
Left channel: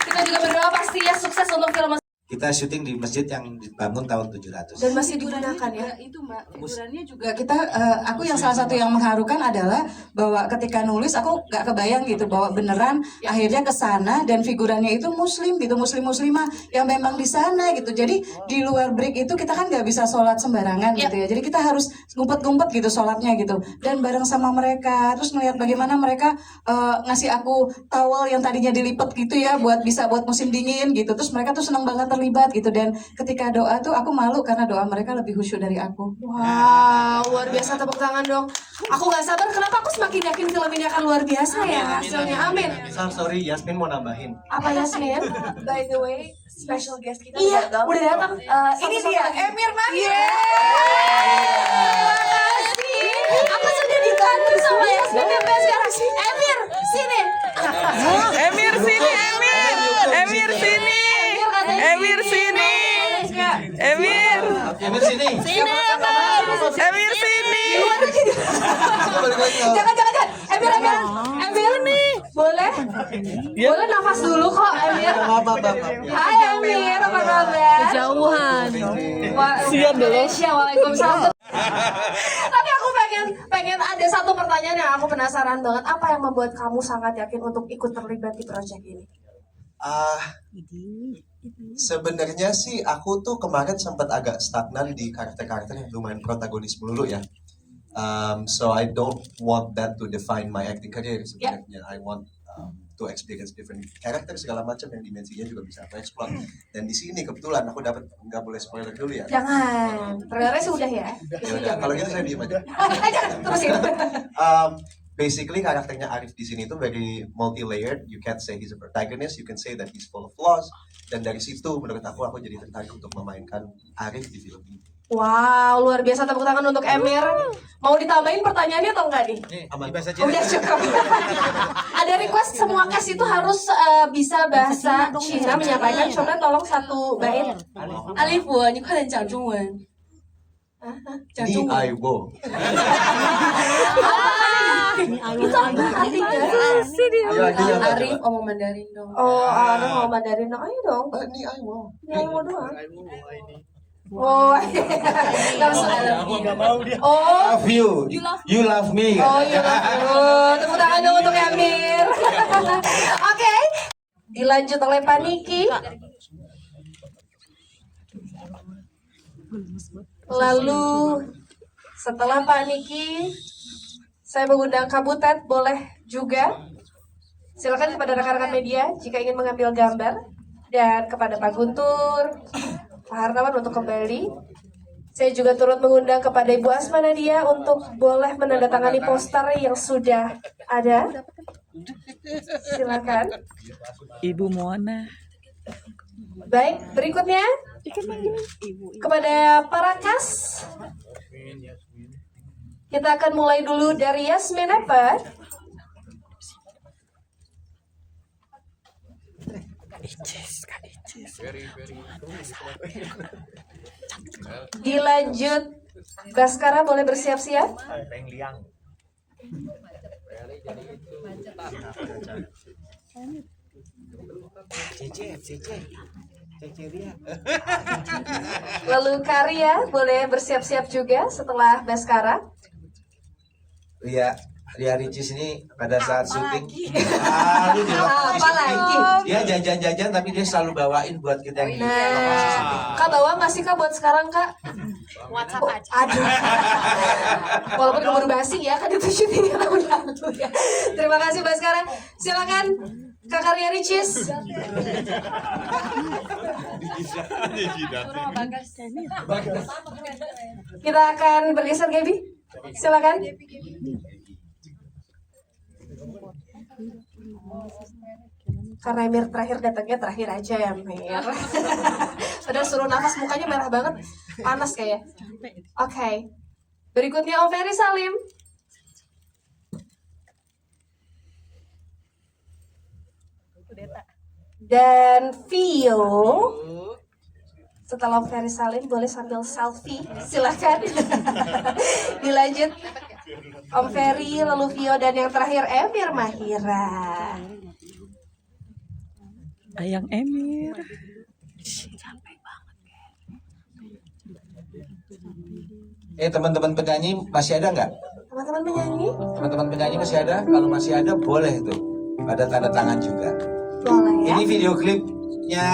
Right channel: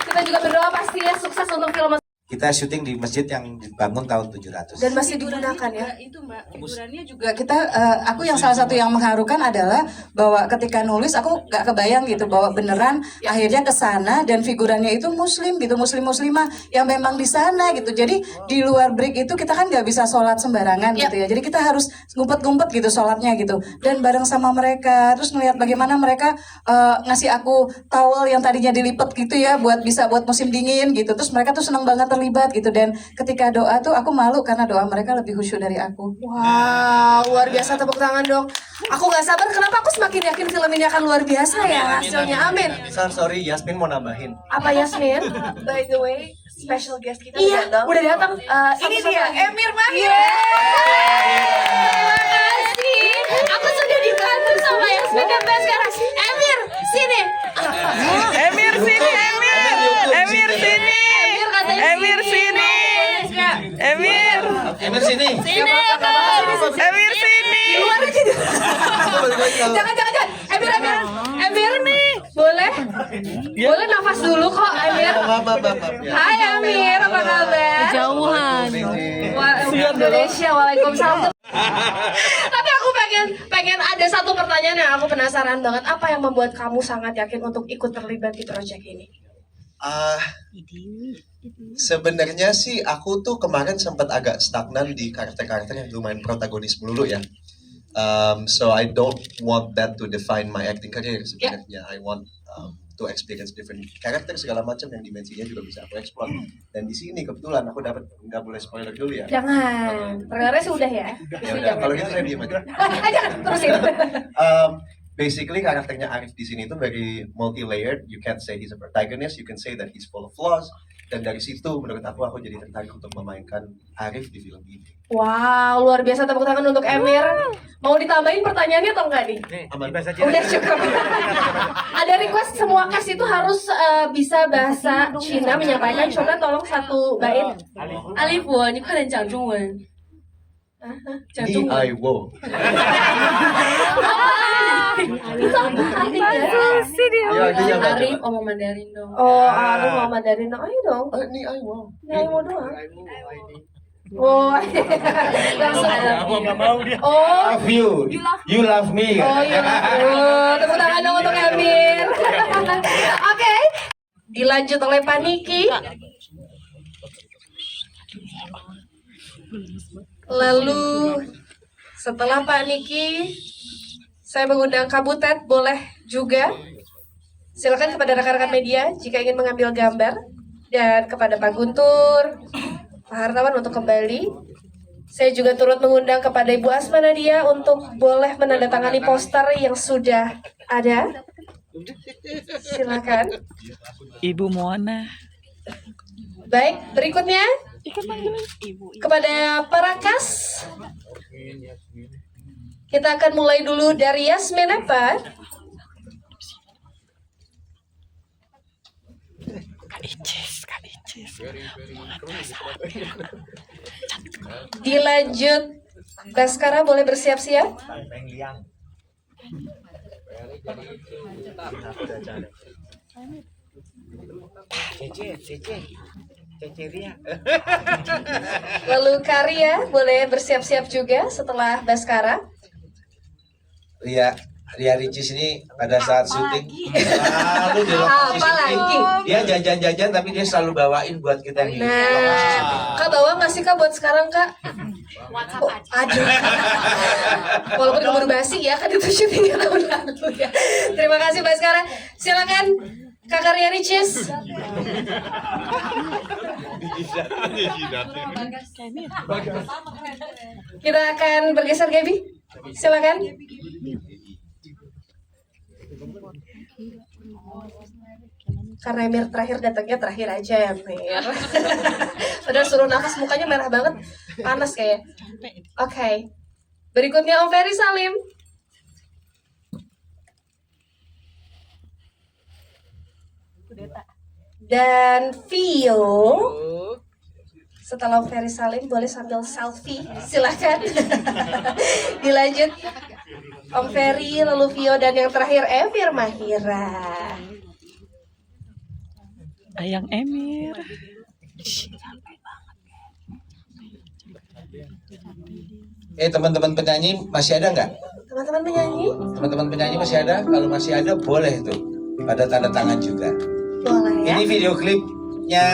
kita juga berdoa pasti ya sukses untuk film kita syuting di masjid yang dibangun tahun 700. Dan masih digunakan ya? Itu Mbak, hiburannya juga kita, aku yang salah satu yang mengharukan adalah bahwa ketika nulis aku gak kebayang gitu bahwa beneran akhirnya ke sana dan figurannya itu muslim gitu, muslimah yang memang di sana gitu. Jadi di luar break itu kita kan gak bisa sholat sembarangan gitu ya. Jadi kita harus ngumpet-ngumpet gitu sholatnya gitu. Dan bareng sama mereka, terus melihat bagaimana mereka ngasih aku towel yang tadinya dilipet gitu ya buat musim dingin gitu. Terus mereka tuh senang banget terlibat gitu, dan ketika doa tuh aku malu karena doa mereka lebih khusyuk dari aku. Wah, luar biasa, tepuk tangan dong. Aku gak sabar, kenapa aku semakin yakin film ini akan luar biasa ya hasilnya, amin. Sorry, Yasmin mau nambahin. Apa Yasmin? By the way, special guest kita Iya, datang. udah datang. Ini Satu-satu dia, lagi. Emir Mahir. Terima kasih. Aku sudah dibantu sama Yasmin dan Baskara. Emir, sini. Emir sini, Emir. Emir sini. Emir sini. Emir. Emir sini. Sini, Emir sini. Di luar aja. Jangan. Emir nih. Boleh? Boleh nafas dulu kok, Emir. Hai Emir, apa kabar? Kejauhan. Indonesia, waalaikumsalam. Tapi aku pengen ada satu pertanyaan yang aku penasaran banget. Apa yang membuat kamu sangat yakin untuk ikut terlibat di proyek ini? Sebenarnya sih aku tuh kemarin sempat agak stagnan di karakter-karakter yang lumayan protagonis melulu ya. So I don't want that to define my acting career sebenarnya. I want to experience different karakter segala macam yang dimensinya juga bisa aku explore. Dan di sini kebetulan aku dapat, nggak boleh spoiler dulu ya. Jangan, trailernya sudah ya. Ya udah, kalau gitu saya diem aja. Jangan, terusin. Basically karakternya Arif di sini itu very multi-layered. You can't say he's a protagonist, you can say that he's full of flaws. Dan dari situ menurut aku jadi tertarik untuk memainkan Arif di film ini. Wow, luar biasa, tepuk tangan untuk Emir. Mau ditambahin pertanyaannya atau enggak nih? Udah cukup. Ada request semua cast itu harus bisa bahasa Cina menyampaikan. Coba tolong satu bait. 阿里佛，你快点讲中文。讲 Ni 中文。 I wo. Itu apa artinya? Ya, artinya apa? Arif ngomong Mandarin dong. Oh, Arif mau Mandarin dong. Ayo dong. Ni I wo. Ni I wo doang. Oh, langsung. Oh, Love you. You love me. Oh, you love. Tepuk tangan dong untuk Emir. Oke. Dilanjut oleh Pak Niki. Lalu setelah Pak Niki, saya mengundang Kabutet, boleh juga. Silakan kepada rekan-rekan media jika ingin mengambil gambar, dan kepada Pak Guntur, Pak Hartawan untuk kembali. Saya juga turut mengundang kepada Ibu Asma Nadia untuk boleh menandatangani poster yang sudah ada. Silakan. Ibu Moana. Baik, berikutnya kepada para kas. Kita akan mulai dulu dari Yasmin apa? Dilanjut Baskara, boleh bersiap-siap. Lalu Karya boleh bersiap-siap juga setelah Baskara. Ria Ricis ini pada saat syuting selalu di lokasi syuting dia jajan-jajan, tapi dia selalu bawain buat kita yang di lokasi syuting. Kak bawa nggak sih Kak buat sekarang Kak? WhatsApp aja. Aduh. Walaupun keburu basi ya, kan itu syutingnya tahun lalu ya. Terima kasih Baskara. Silakan Kak Ria Ricis. Kita akan bergeser Gaby. Silakan. Karena Emir terakhir datangnya terakhir aja ya Emir. Padahal suruh nafas mukanya merah banget, panas kayak. Oke. Berikutnya Om Ferry Salim. Dan Vio. Setelah Om Ferry Salim boleh sambil selfie, silakan. Dilanjut Om Ferry, lalu Vio, dan yang terakhir Emir Mahira. Ayang Emir. Teman-teman penyanyi masih ada nggak? Teman-teman penyanyi? Teman-teman penyanyi masih ada? Kalau masih ada boleh tuh. Pada tanda tangan juga. Boleh ya. Ini video klipnya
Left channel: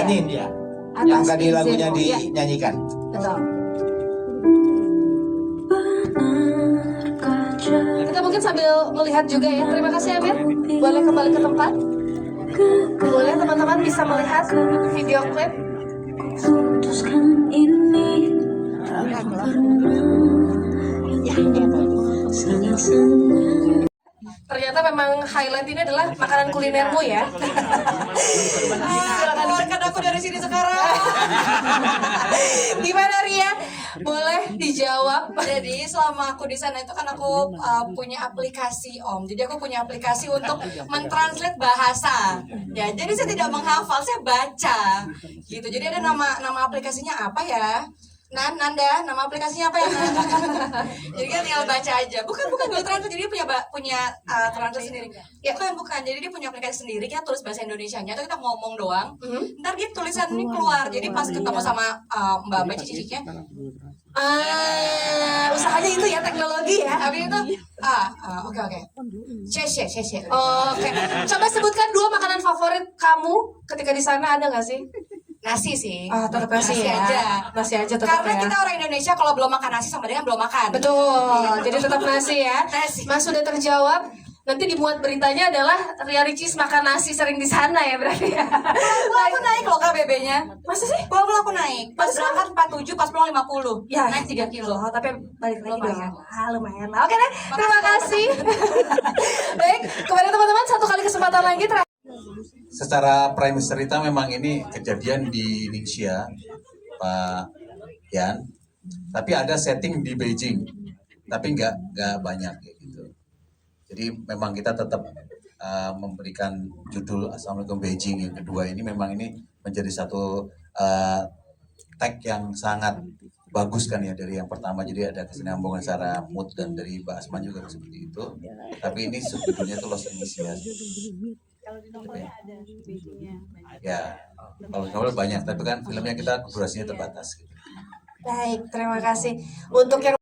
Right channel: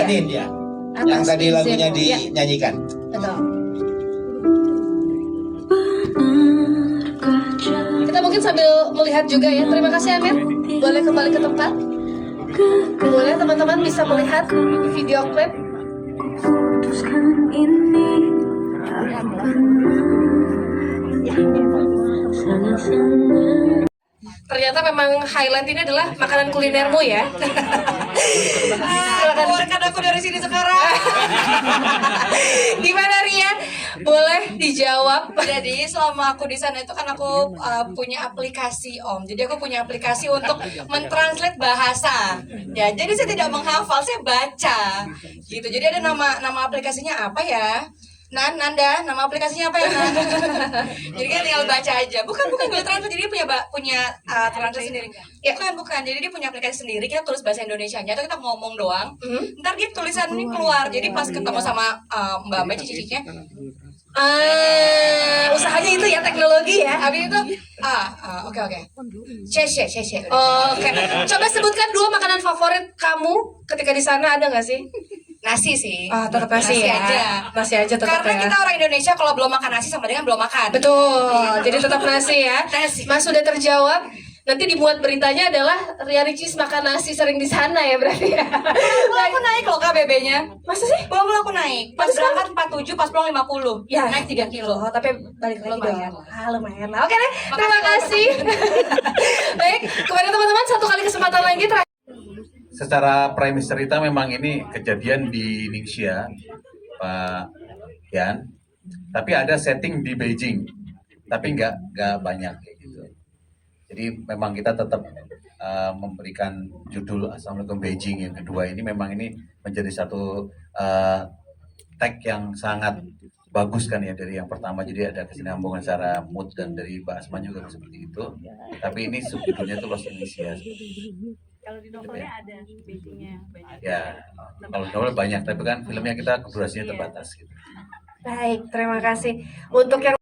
Anin ya. Yang tadi lagunya dinyanyikan. Betul. Kita mungkin sambil melihat juga ya. Terima kasih Amir. Boleh kembali ke tempat. Boleh teman-teman bisa melihat video klip. Ternyata memang highlight ini adalah makanan kulinermu ya. Keluarkan aku dari sini sekarang. Gimana Ria? Boleh dijawab. Jadi selama aku di sana itu kan aku punya aplikasi Om. Jadi aku punya aplikasi untuk mentranslate bahasa. Ya, jadi saya tidak menghafal, saya baca. Gitu. Jadi ada nama aplikasinya apa ya? Nanda, nama aplikasinya apa ya? Jadi kan tinggal baca aja. Bukan Google Translate, jadi dia punya translate sendiri. Ya bukan. Jadi dia punya aplikasi sendiri. Kita tulis bahasa Indonesianya atau kita ngomong doang. Ntar dia tulisan ini keluar. Jadi pas ketemu sama Mbak cici-cicinya, Usahanya itu ya teknologi ya. habis itu oke. Cece. Oke. Coba sebutkan 2 makanan favorit kamu ketika di sana, ada nggak sih? Nasi sih. Tetap nasi ya. Nasi aja tetap Karena ya. kita orang Indonesia kalau belum makan nasi sama dengan belum makan. Betul. Jadi tetap nasi ya. Nasi. Mas sudah terjawab. Nanti dibuat beritanya adalah Ria Ricis makan nasi sering di sana ya berarti ya. Aku naik loh KBB-nya. Masa sih? Belum aku naik. Pas berangkat 47, pas pulang 50. Ya, naik 3 kilo. Tapi balik lagi Lumayan. dong. Lumayan. Oke deh. Terima kasih. Baik, kepada teman-teman satu kali kesempatan lagi terakhir. Secara premis cerita memang ini kejadian di Ningxia, Pak Yan. Tapi ada setting di Beijing, tapi nggak banyak kayak gitu. Jadi memang kita tetap memberikan judul Assalamualaikum Beijing yang kedua ini memang ini menjadi satu tag yang sangat bagus kan ya dari yang pertama. Jadi ada kesinambungan secara mood dan dari Mbak Asma juga seperti itu. Tapi ini subjudulnya itu Los Initias. Kalau di novelnya ada Beijingnya banyak. Ya, kalau novel banyak, tapi kan filmnya kita durasinya terbatas gitu. Baik, terima kasih. Untuk yang